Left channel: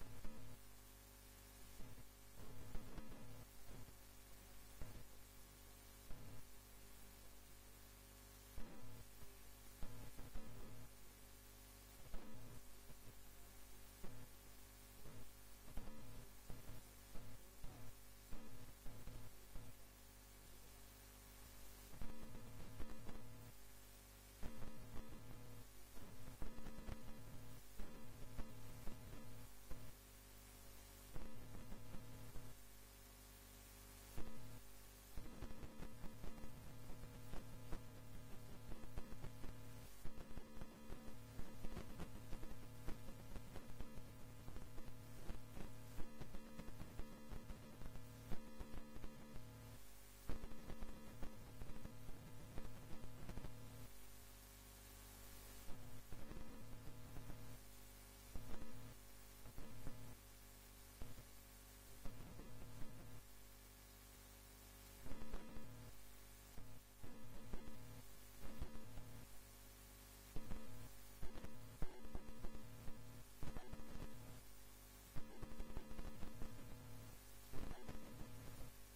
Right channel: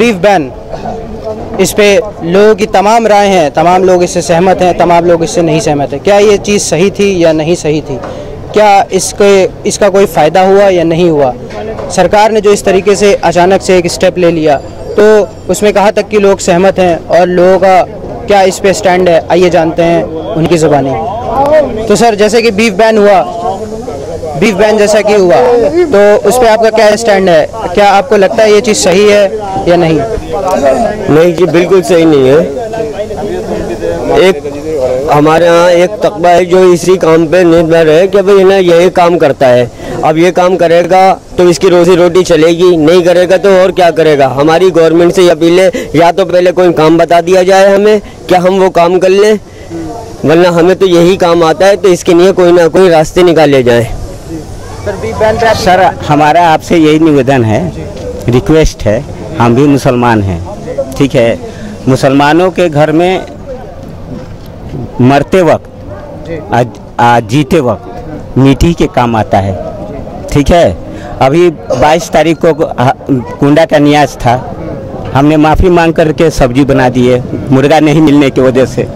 Beef ban, इस पे लोगों की तमाम राय हैं, तमाम लोग इससे सहमत हैं, तमाम लोग इससे नहीं सहमत हैं। क्या ये चीज़ सही थी या नहीं सही थी? क्या इसका कोई फ़ायदा हुआ या नहीं हुआ? सरकार ने जो इस तरीके से अचानक से एक स्टेप ले लिया, तो उसमें कहाँ तक कि लोग सहमत हैं और लोगों का क्या इस पे स्टैंड है, आइए जानते हैं उनकी ज़ुबानी। तो सर, जैसे कि बीफ बैन हुआ, बीफ बैन जैसा कि हुआ, तो उस पर आपका क्या स्टैंड है? क्या आपको लगता है ये चीज़ सही है या नहीं? नहीं जी, बिल्कुल सही नहीं है। एक हमारे यहाँ एक तकबा है जो इसी काम पे निर्भर है कि भाई ना यही काम करता है, अब ये काम करेगा तो इसकी रोजी रोटी चलेगी, नहीं करेगा तो और क्या करेगा। हमारी गवर्नमेंट से अपील है, या तो पहले कोई काम बता दिया जाए हमें, क्या हम वो काम कर लें, वरना हमें तो यही काम आता है, तो इसके लिए कोई ना कोई रास्ते निकाले जाए। सर, हमारा आपसे यही निवेदन है, रिक्वेस्ट है, हम भी मुसलमान हैं, ठीक है। मुसलमानों के घर में मरते वक्त जीते वक्त मीठी के काम आता है, ठीक है। अभी 22 तारीख को कुंडा का नियाज था, हमने माफ़ी मांग करके सब्जी बना दिए मुर्गा नहीं मिलने की वजह से।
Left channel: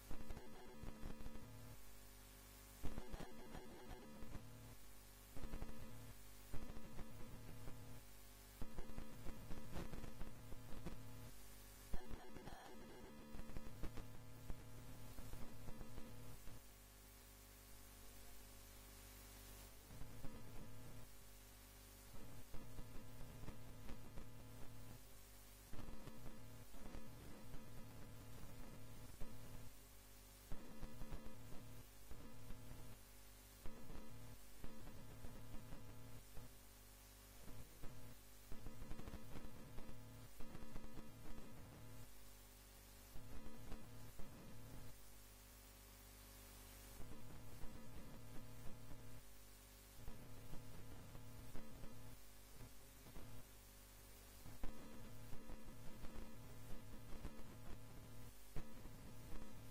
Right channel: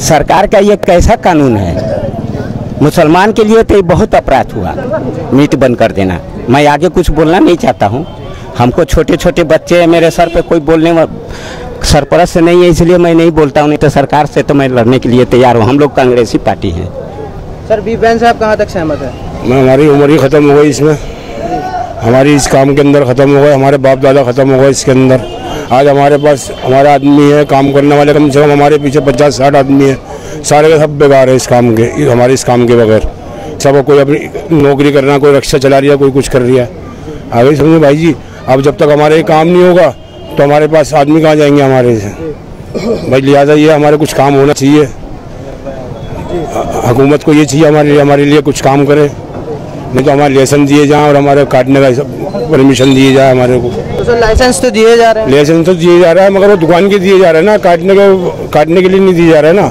सरकार का ये कैसा कानून है? मुसलमान के लिए तो ये बहुत अपराध हुआ, मीट बंद कर देना। मैं आगे कुछ बोलना नहीं चाहता हूँ, हमको छोटे छोटे बच्चे हैं, मेरे सर पे कोई बोलने सरपरस्त नहीं है, इसलिए मैं नहीं बोलता हूँ, नहीं तो सरकार से तो मैं लड़ने के लिए तैयार हूँ। हम लोग कांग्रेसी पार्टी हैं। सर, बीफ बैन से आप कहाँ तक सहमत है? मैं, हमारी उम्र ही ख़त्म हो गई इसमें, हमारी इस काम के अंदर ख़त्म हो गए, हमारे बाप दादा ख़त्म हो गए इसके अंदर। आज हमारे पास हमारा आदमी है काम करने वाले, कम से कम हमारे पीछे 50-60 आदमी है, सारे के सब बेकार है इस काम के, हमारे इस काम के बगैर। सब कोई अपनी नौकरी करना, कोई रिक्शा चला रही है, कोई कुछ कर रही है। आगे समझे भाई जी, अब जब तक हमारे काम नहीं होगा तो हमारे पास आदमी कहाँ जाएंगे हमारे से? भाई लिहाजा ये हमारे कुछ काम होना चाहिए, हुकूमत को ये चाहिए हमारे लिए कुछ काम करे, नहीं तो हमारे लाइसेंस दिए जाए और हमारे काटने का परमिशन दिए जाए हमारे को। तो सर, लाइसेंस तो दिए जा रहे हैं? लाइसेंस तो दिए जा रहा है, मगर वो दुकान के दिए जा रहे हैं ना, काटने के लिए नहीं दिए जा रहे हैं ना।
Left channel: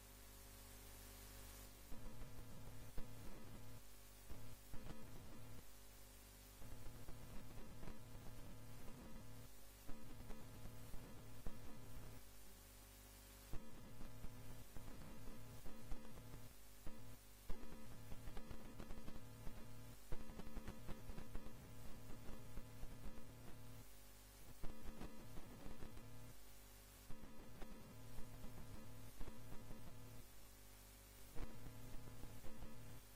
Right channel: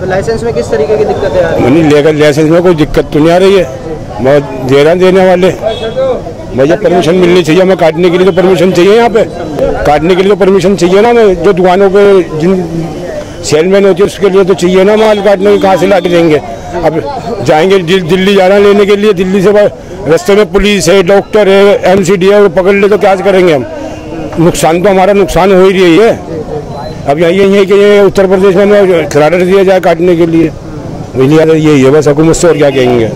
तो लाइसेंस में किस तरीके की दिक्कतें आ रही हैं? नहीं, लेकर लाइसेंस में कोई दिक्कत तो नहीं आ रही है, बहुत दे रहे हैं देने वाले। भैया परमिशन मिलनी चाहिए हमें, काटने के लिए तो परमिशन चाहिए, यहाँ पे काटने के लिए तो परमिशन चाहिए ना। हमें जो दुकानों पे जिन सेलमैन होती है उसके लिए तो चाहिए ना, माल काटने के कहाँ से ला के देंगे? अब जाएंगे दिल्ली जाना लेने के लिए, दिल्ली से रास्ते में पुलिस है, डॉक्टर है, MCD है, वो पकड़ ले तो क्या करेंगे हम? नुकसान तो हमारा नुकसान हो ही रही है। अब यही है कि ये उत्तर प्रदेश में करार दिया जाए काटने के लिए, यही है बस, हुकूमत से और क्या कहेंगे।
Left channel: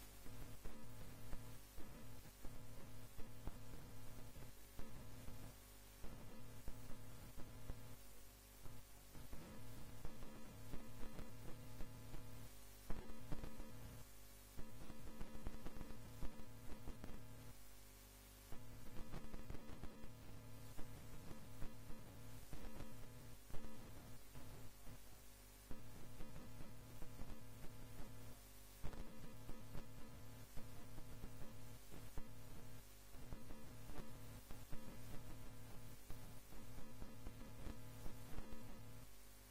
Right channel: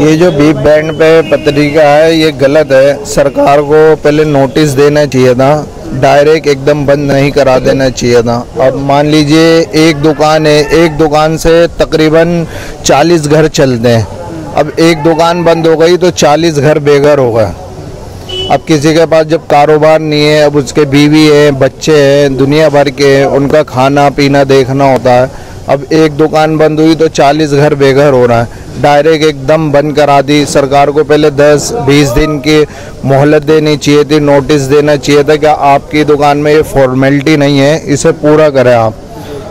ये जो बीफ बैन पे पत्रिका है ये गलत है, सरकार को पहले नोटिस देना चाहिए था, डायरेक्ट एकदम बंद नहीं करा देना चाहिए था। अब मान लीजिए एक दुकान है, एक दुकान से तकरीबन 40 घर चलते हैं, अब एक दुकान बंद हो गई तो 40 घर बेघर हो गए। अब किसी के पास जब कारोबार नहीं है, अब उसके बीवी है, बच्चे हैं, दुनिया भर के, उनका खाना पीना देखना होता है। अब एक दुकान बंद हुई तो 40 घर बेघर हो रहा है, डायरेक्ट एकदम बंद करा दी। सरकार को पहले 10-20 दिन की मोहलत देनी चाहिए थी, नोटिस देना चाहिए था कि आपकी दुकान में ये फॉर्मेलिटी नहीं है, इसे पूरा करें आप।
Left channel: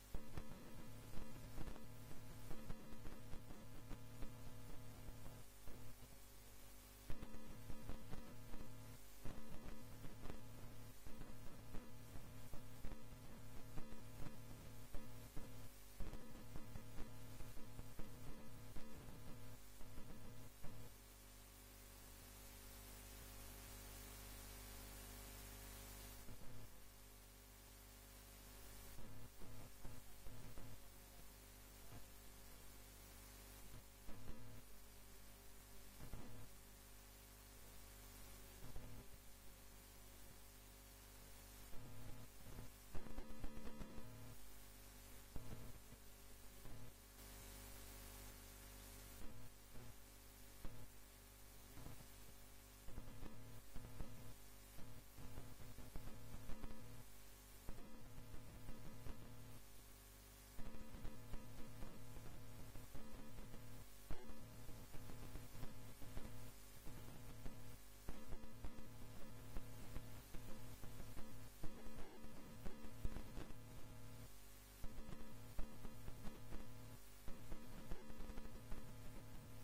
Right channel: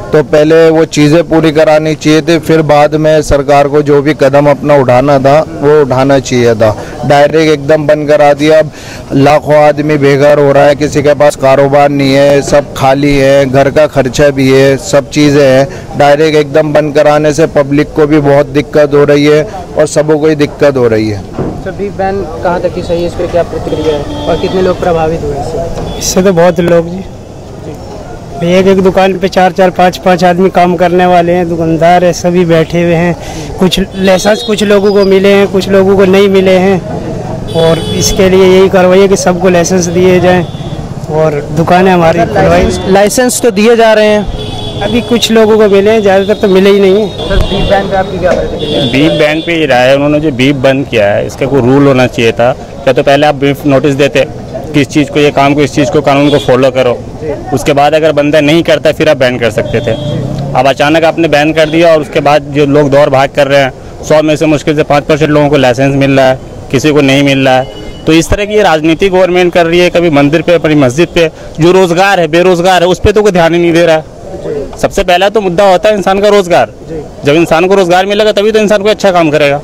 तो पहले वो चीज़ें पूरी करानी चाहिए थी, फिर बाद में सरकार को जो भी कदम अपना उठाना था वो उठाना चाहिए था। डायरेक्ट एकदम बंद करा दिया। अब लाखों आदमी बेघर हो रहा है, किसी के पास कारोबार नहीं है, सब खाली है, घर का खर्चा भी है, सब चीज़ें हैं। डायरेक्ट एकदम बंद कराने से पब्लिक को भी बहुत दिक्कत हो रही है और सबको कोई दिक्कत हो रही है। सर, बीफ बैन कहाँ तक की सही है, इस पर क्या प्रतिक्रिया है और कितने लोग प्रभावित हुए इससे? इससे तो बहुत लोग जी, एक दुकान पे 4-4, 5-5 आदमी काम करने वाले हैं, दुकानदार है, सभी बैठे हुए हैं। कुछ लाइसेंस कुछ लोगों को मिले हैं, कुछ लोगों को नहीं मिले हैं, और इसके लिए यही कार्रवाई है कि सबको लाइसेंस दिए जाएं और दुकानें हमारी। लाइसेंस तो दिए जा रहे हैं, अभी कुछ लोगों को मिले हैं, ज़्यादातर तो मिले ही नहीं है। सर, बीफ बैन पे आपकी क्या प्रतिक्रिया है? बीफ बैन पे ये राय है, उन्होंने जो बीफ बंद किया है इसका कोई रूल होना चाहिए था। क्या तो पहले आप बीफ नोटिस देते किस चीज़ को, ये काम को, इस चीज़ को, कानून को फॉलो करो, उसके बाद अगर बंदा नहीं करता फिर आप बैन कर सकते थे। अब अचानक आपने बैन कर दिया और उसके बाद जो लोग दौड़ भाग कर रहे हैं, 100 में से मुश्किल से 5% लोगों को लाइसेंस मिल रहा है, किसी को नहीं मिल रहा है। तो इस तरह की ये राजनीति गवर्नमेंट कर रही है, कभी मंदिर पे, अपनी मस्जिद पे। जो रोजगार है, बेरोजगार है, उस पर तो कोई ध्यान ही नहीं दे रहा है। सबसे पहला तो मुद्दा होता है इंसान का रोजगार। जब इंसान को रोजगार मिलेगा तभी तो इंसान को अच्छा काम करेगा,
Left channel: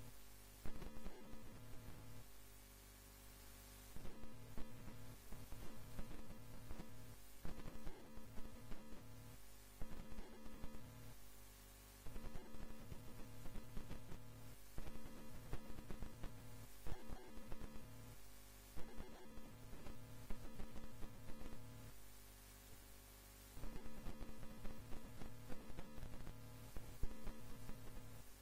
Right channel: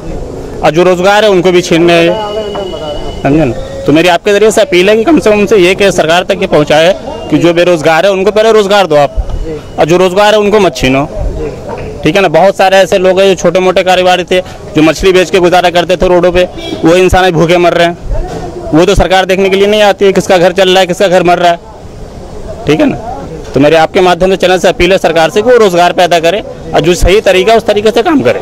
और जो रोजगार है उनको भी छीन रहे हैं, समझे ना। तो मेरी आपके जरिए से अपील है कि कम से कम से ये कि सरकार तक ये पहुँचाए कि जो बेरोजगार है उनको पहले रोजगार दो आप, और जो रोजगार है उनको मत छीनो। ठीक है ना, बहुत सारे ऐसे लोग हैं जो छोटे मोटे कारोबारी थे, जो मछली बेच के गुजारा करते थे रोडों पे, वो इंसान भूखे मर रहे हैं। वो तो सरकार देखने के लिए नहीं आती है किसका घर चल रहा है, किसका घर मर रहा है। ठीक है ना, तो मेरे आपके माध्यम से चैनल से अपील है सरकार से कि वो रोजगार पैदा करे और जो सही तरीका उस तरीके से काम करे।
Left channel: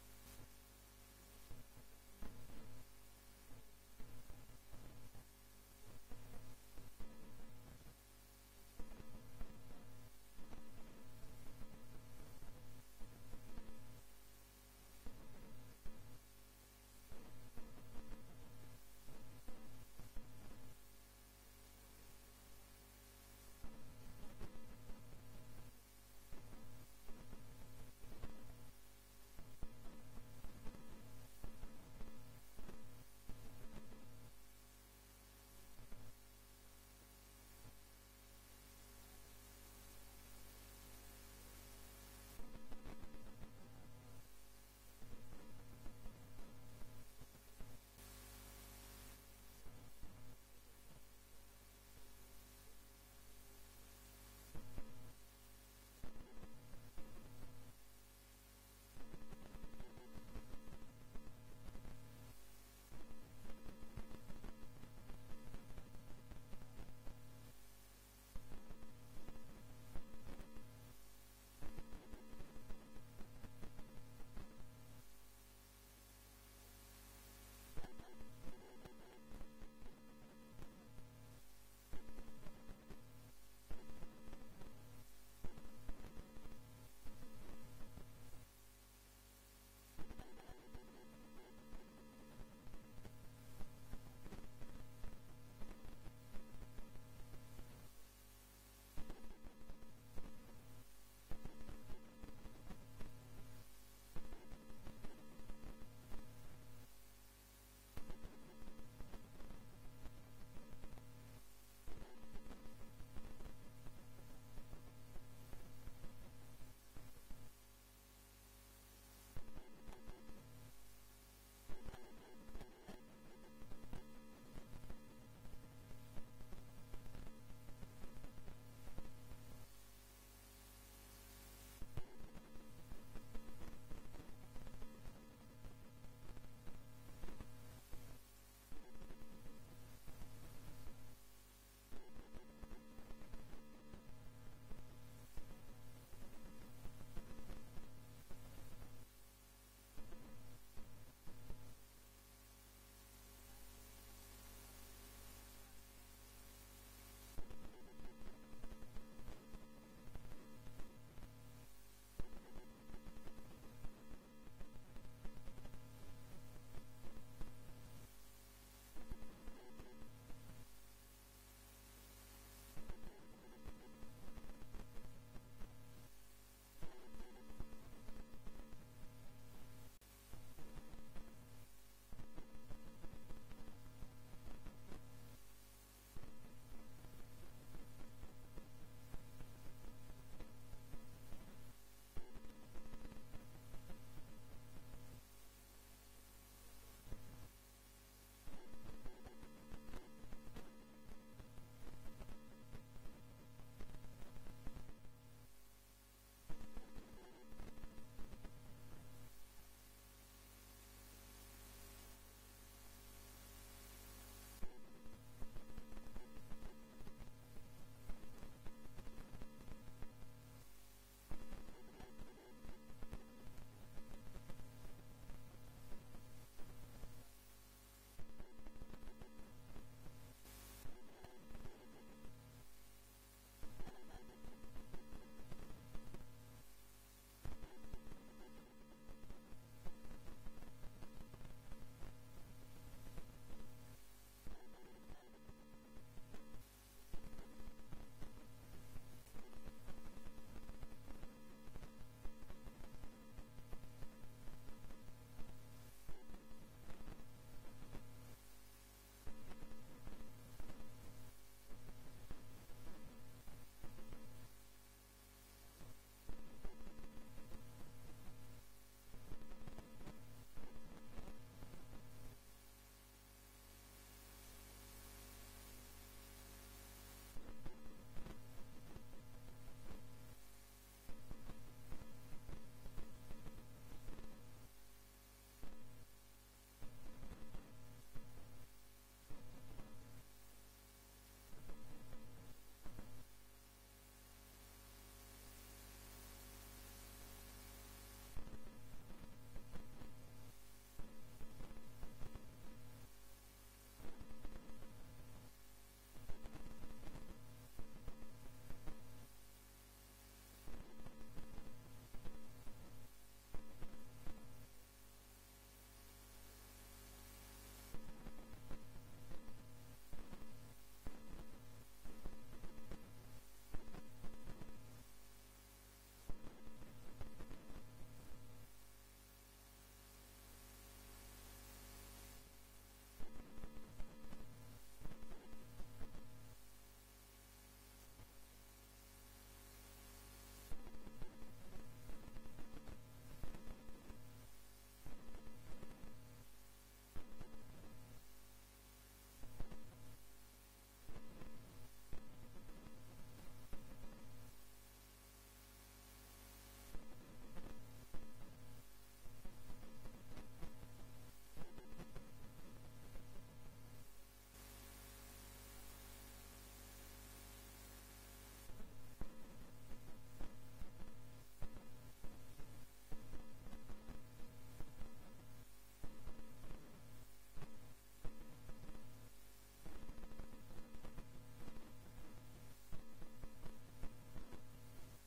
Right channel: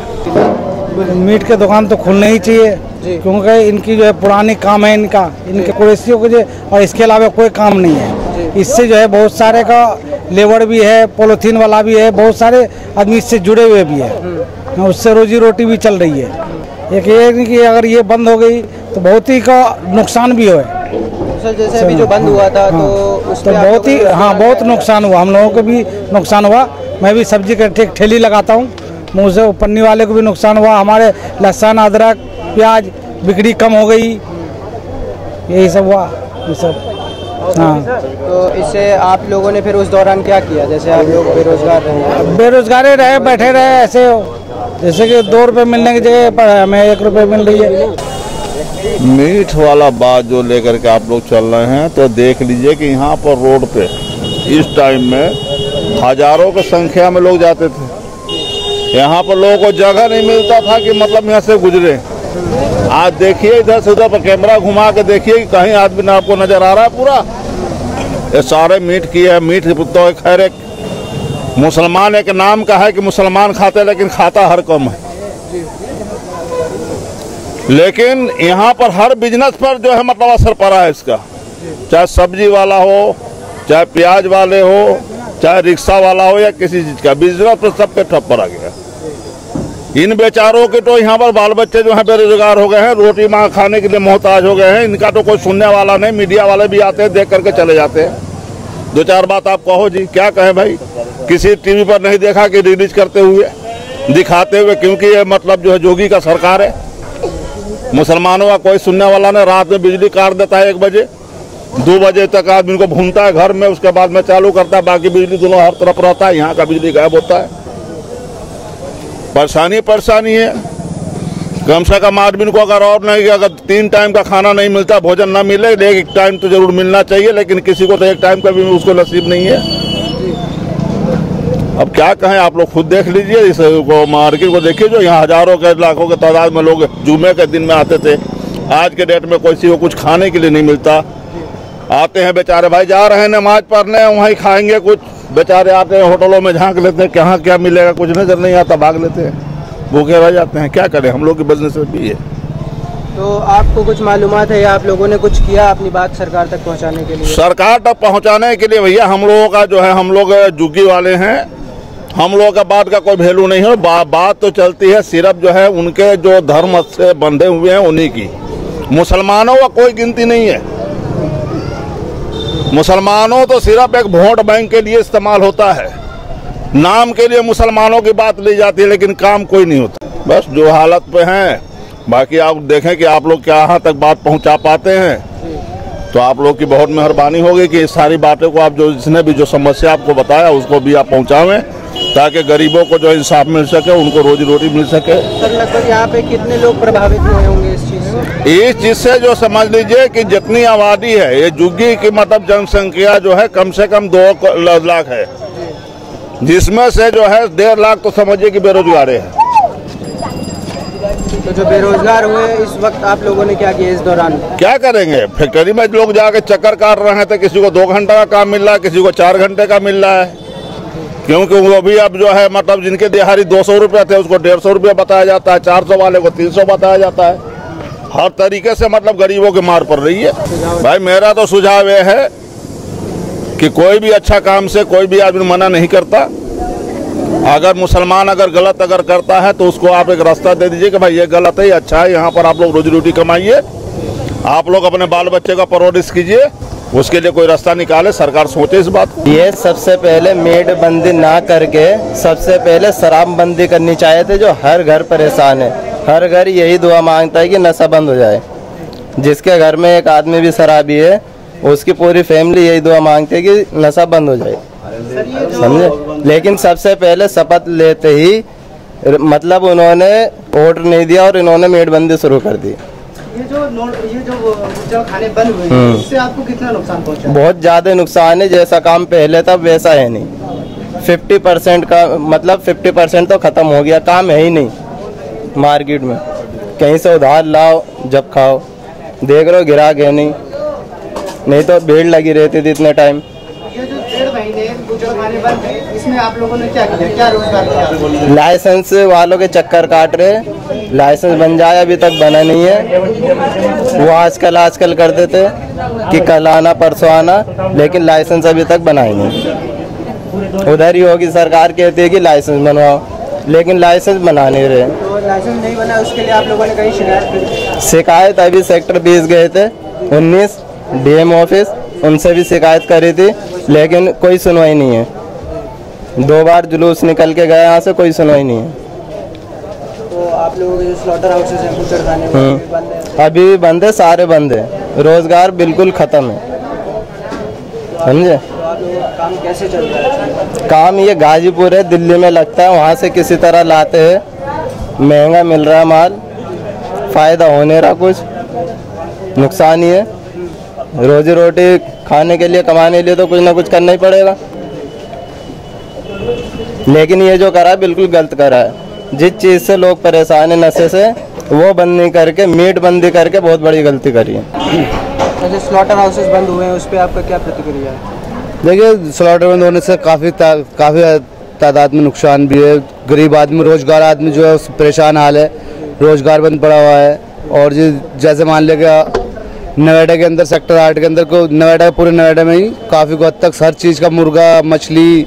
मीट के दुकान तो खुलने ही चाहिए, क्योंकि इनकी जो है पुरानी काम है, इनके कुरेसियों के जो, और इसके अलावा कोई काम नहीं है। इससे जो है बहुत सारे का लेबर भी है, पॉलीथीन वाला भी है, बहुत सारे आदमी इससे जुड़े हुए भी है, उससे रोजी रोटी भी चल रही है। एक ये कि अगर ये बंद हो गई तो बहुत ही का नुकसान भी है। सर जैसे अभी जो बंद हुआ था तो बहुत ही बहुत नुकसान हुआ, हम लोगों को भी नुकसान हुआ। मैं भी सब्जी का ठेली लगाता हूँ, मुँह से पन्नी वाले को भी नुकसान हुआ। हमारे लहसुन अदरक प्याज बिक्री कम हो गई, यही सब हुआ ये सब। हाँ, तो इससे आप लोगों ने फिर उस दौरान क्या किया? जैसे आप लोग बेरोजगार रहे, बैठे रहे ऐसे, जैसे कि 2 रुपये मिलने की जगह पर हमें 1 रुपये मिल रही है। मीठ वाला बात जो लेकर के आप लोग चल रहे हैं, तो देख लीजिए कि यहाँ पर रोड पे इस टाइम में हजारों की संख्या में लोग जाते थे। यहाँ पर लोगों को जगह नहीं मिलता था कि मतलब यहाँ से गुजरे। आज देखिए इधर से उधर पर कैमरा घुमा के देखिए कि कहीं आदमी ना आपको नजर आ रहा है। पूरा ये सारे मीट की है। मीट तो खैर एक मुसलमान एक नाम का है कि मुसलमान खाते हैं, लेकिन खाता हर कम है। लेकिन यहाँ पर हर बिजनेस पर जो है मतलब असर पड़ा है इसका, चाहे सब्जी वाला हो, चाहे प्याज वाले हो, चाहे रिक्शा वाला हो, या किसी चीज का बिजनेस पर सब पे ठप पड़ा गया। इन बेचारों के तो यहाँ पर बाल बच्चे जो है बेरोजगार हो गए हैं, रोटी मांग खाने के लिए मोहताज हो गए हैं। इनका तो कोई सुनने वाला नहीं। मीडिया वाले भी आते हैं, देख करके चले जाते हैं। 2-4 बात आप कहो जी, क्या कहें भाई। किसी टीवी पर नहीं देखा कि रिलीज करते हुए दिखाते हुए, क्योंकि ये मतलब जो है जोगी का सरकार है। मुसलमानों का कोई सुनने वाला नहीं। रात में बिजली काट देता है 1 बजे, 2 बजे तक आदमी को भूनता है घर में, उसके बाद में चालू करता है। बाकी बिजली दोनों हर तरफ रहता है, यहाँ का बिजली गायब होता है। परेशानी है। कम से कम आदमी को अगर और नहीं, अगर 3 टाइम का खाना नहीं मिलता, भोजन ना मिले, एक टाइम तो जरूर मिलना चाहिए, लेकिन किसी को तो 1 टाइम का भी उसको नसीब नहीं है। अब क्या कहें, आप लोग खुद देख लीजिए। इस मार्केट को देखिए, जो यहाँ हजारों के लाखों के तादाद में लोग जुमे के दिन में आते थे। आज के डेट में किसी को कुछ खाने के लिए नहीं मिलता। आते हैं बेचारे भाई, जा रहे हैं नमाज पढ़ने, वहीं खाएंगे कुछ। बेचारे आते हैं होटलों में, झांक लेते हैं कहाँ क्या मिलेगा, कुछ नजर नहीं आता, भाग लेते हैं, भूखे रह जाते हैं। क्या करें, हम लोग की बिजनेस भी है। तो आपको कुछ मालूमात है या आप लोगों ने कुछ किया अपनी बात सरकार तक पहुंचाने के लिए? सरकार तक पहुंचाने के लिए भैया हम लोगों का जो है, हम लोग जुग्गी वाले हैं, हम लोगों का बात का कोई वैल्यू नहीं है। बात तो चलती है सिर्फ जो है उनके जो धर्म से बंधे हुए हैं उन्हीं की। मुसलमानों का कोई गिनती नहीं है। मुसलमानों तो सिर्फ एक वोट बैंक के लिए इस्तेमाल होता है। नाम के लिए मुसलमानों की बात ली जाती है, लेकिन काम कोई नहीं होता। बस जो हालत पे हैं, बाकी आप देखें कि आप लोग क्या तक बात पहुंचा पाते हैं, तो आप लोग की बहुत मेहरबानी होगी कि इस सारी बातों को आप जो जिसने भी जो समस्या आपको बताया उसको भी आप पहुंचावें, ताकि गरीबों को जो इंसाफ मिल सके, उनको रोजी रोटी मिल सके। सर लगभग यहाँ पे कितने लोग प्रभावित हुए होंगे इस चीज से? इस चीज से जो समझ लीजिए कि जितनी आबादी है, ये जुग्गी की मतलब जनसंख्या जो है कम से कम 2 लाख है, जिसमें से जो है 1.5 लाख तो समझिए कि बेरोजगार है। तो जो बेरोजगार हुए इस वक्त आप लोगों ने क्या किया इस दौरान? क्या करेंगे, फैक्ट्री में लोग जाके चक्कर काट रहे हैं, तो किसी को 2 घंटे का काम मिल रहा है, किसी को 4 घंटे का मिल रहा है। क्योंकि वो भी अब जो है मतलब जिनके दिहाड़ी 200 रुपये थे उसको 150 रुपये बताया जाता है, 400 वाले को 300 बताया जाता है। हर तरीके से मतलब गरीबों की मार पड़ रही है। भाई मेरा तो सुझाव ये है कि कोई भी अच्छा काम से कोई भी आदमी मना नहीं करता। अगर मुसलमान अगर गलत अगर करता है तो उसको आप एक रास्ता दे दीजिए कि भाई ये गलत है, ये अच्छा है, यहाँ पर आप लोग रोजी रोटी कमाइए, आप लोग अपने बाल बच्चे का परवरिश कीजिए, उसके लिए कोई रास्ता निकाले। सरकार सोचे इस बात को। ये सबसे पहले मेड बंदी ना करके सबसे पहले शराब बंदी करनी चाहिए थे, जो हर घर परेशान है। हर घर यही दुआ मांगता है कि नशा बंद हो जाए। जिसके घर में एक आदमी भी शराबी है, उसकी पूरी फैमिली यही दुआ मांगती है कि नशा बंद हो जाए, समझे। लेकिन सबसे पहले शपथ लेते ही मतलब उन्होंने वोट नहीं दिया और इन्होंने मेड बंदी शुरू कर दी। जो खाने बंद हुए हैं इससे आपको कितना नुकसान पहुंचा? बहुत ज़्यादा नुकसान है। जैसा काम पहले था वैसा है नहीं। 50% का मतलब 50% तो ख़त्म हो गया, काम है ही नहीं मार्केट में। कहीं से उधार लाओ जब खाओ, देख रहे हो गिराक है नहीं तो भीड़ लगी रहती थी इतने टाइम। ये जो 1.5 महीने बुजुर्ग खाने बंद है, इसमें आप लोगों ने क्या किया, क्या रोजगार किया? लाइसेंस वालों के चक्कर काट रहे। लाइसेंस बन जाए, अभी तक बना नहीं है। वो आजकल करते थे कि कल आना परसों आना, लेकिन लाइसेंस अभी तक बना ही नहीं। उधर ही होगी, सरकार कहती है कि लाइसेंस बनवाओ, लेकिन लाइसेंस बना नहीं रहे। तो लाइसेंस नहीं बना, उसके लिए आप लोगों ने कहीं शिकायत अभी सेक्टर 20 गए थे, 19 डीएम ऑफिस, उनसे भी शिकायत करी थी, लेकिन कोई सुनवाई नहीं है। 2 बार जुलूस निकल के गए यहाँ से, कोई सुनवाई नहीं है। तो आप लोगों के जो स्लॉटर हाउसेस हैं, बूचड़खाने बंद है? अभी बंद है, सारे बंद है। रोजगार बिल्कुल खत्म है, समझे? तो आप लोगों का काम कैसे चल रहा है? काम ये गाजीपुर है, दिल्ली में लगता है, वहाँ से किसी तरह लाते हैं। महंगा मिल रहा है माल, फ़ायदा हो नहीं रहा, कुछ नुकसान ही है। रोजी रोटी खाने के लिए, कमाने के लिए तो कुछ ना कुछ करना ही पड़ेगा। लेकिन ये जो करा है बिल्कुल गलत करा है। जिस चीज़ से लोग परेशान है, नशे से, वो बंद नहीं करके मीट बंदी करके बहुत बड़ी गलती करी है। जो स्लॉटर हाउसेस बंद हुए हैं उस पर आपका क्या प्रतिक्रिया है? देखिए, स्लॉटर बंद होने से काफ़ी तादाद में नुकसान भी है। गरीब आदमी, रोजगार आदमी जो है उस परेशान हाल है, रोजगार बंद पड़ा हुआ है। और जैसे मान लिया नोएडा के अंदर, सेक्टर 8 के अंदर को, नोएडा, पूरे नोएडा में ही काफ़ी हद तक हर चीज़ का, मुर्गा, मछली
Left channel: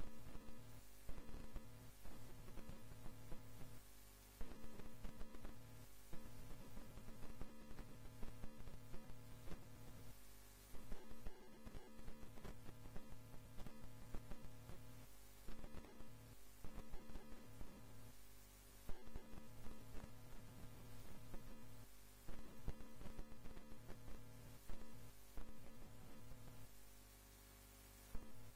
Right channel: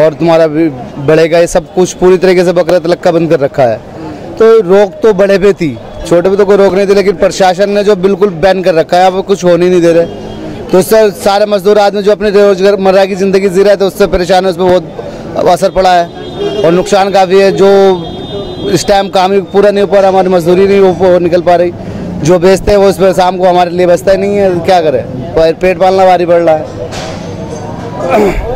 और तुम्हारा बड़े का, ये सब कुछ पूरी तरीके से बकरा तलक का बंद कर रखा है। तो रोक तो बड़े पे थी, छोटे पे तो कोई रोक नहीं थी, लेकिन प्रशासन ने जो बिल्कुल बैन कर रखा है, अब कुछ होने नहीं दे रहे। तो उससे सारे मजदूर आदमी जो अपने रोजमर्रा की ज़िंदगी जी रहा है, तो उससे परेशान है, उस पर बहुत असर पड़ा है और नुकसान काफ़ी है। जो इस टाइम काम ही पूरा नहीं हो पा रहा, हमारी मजदूरी नहीं हो निकल पा रही। जो बेचते हैं वो उस पर शाम को हमारे लिए बचता ही नहीं है, क्या करें? पेट पालना भारी पड़ रहा है।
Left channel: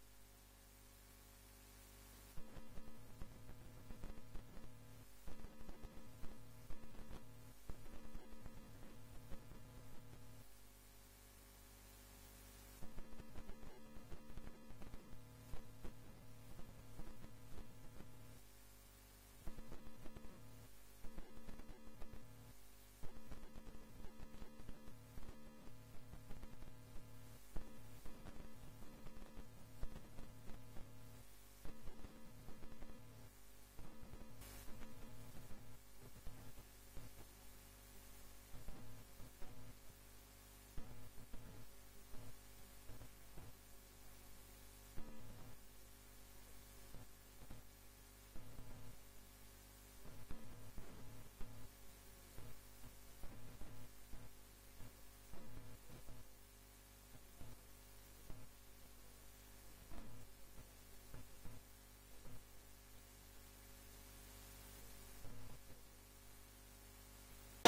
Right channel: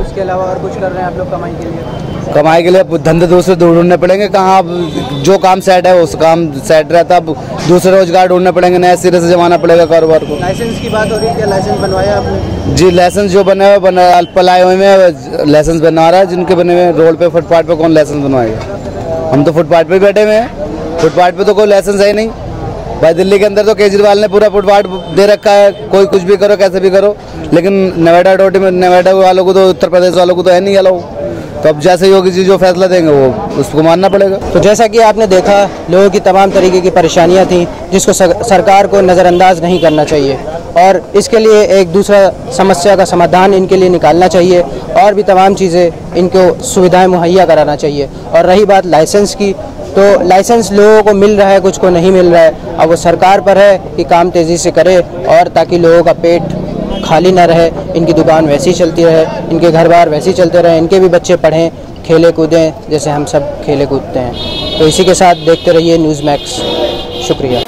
उसके अलावा और कुछ कर रहे हैं आप लोग कमाई के लिए? कमाई के लिए धंधे दूसरे ढूंढने पड़ेंगे। कहाँ अब जो काम सेट है उस काम सेट रहता, अब दूसरे रोजगार ढूंढने पड़ेंगे, नए सिरे से जमाना पड़ेगा कारोबार को। लाइसेंस की बात हो रही है, क्या लाइसेंस बनवाया आपने? जी, लाइसेंस जो बने हुए पलाए हुए में लाइसेंस बनवा रहा है। जिनके बने हुए रोड पे, फुटपाथ पे कौन लाइसेंस बनवाएगा? हम तो फुटपाथ पे बैठे हुए हैं, फुटपाथ पे तो कोई लाइसेंस है ही नहीं भाई। दिल्ली के अंदर तो केजरीवाल ने पूरा फुटपाथ दे रखा है, कोई कुछ भी करो, कैसे भी करो। लेकिन नोएडा अथॉरिटी में, नोएडा वालों को तो, उत्तर प्रदेश वालों को तो है नहीं अलाउ। तो अब जैसे योगी जी जो फैसला देंगे वो उसको मानना पड़ेगा। तो जैसा कि आपने देखा, लोगों की तमाम तरीके की परेशानियां थी, जिसको सरकार को नज़रअंदाज नहीं करना चाहिए और इसके लिए एक दूसरा समस्या का समाधान इनके लिए निकालना चाहिए और भी तमाम चीज़ें इनको सुविधाएं मुहैया कराना चाहिए। और रही बात लाइसेंस की, तो लाइसेंस लोगों को मिल रहा है, कुछ को नहीं मिल रहा है। अब वो सरकार पर है कि काम तेज़ी से करे और ताकि लोगों का पेट खाली ना रहे, इनकी दुकान वैसी ही चलती रहे, इनके घर बार वैसे ही चलते रहे, इनके भी बच्चे पढ़ें, खेले कूदें जैसे हम सब खेले कूदते हैं। तो इसी के साथ देखते रहिए न्यूज़ मैक्स। शुक्रिया।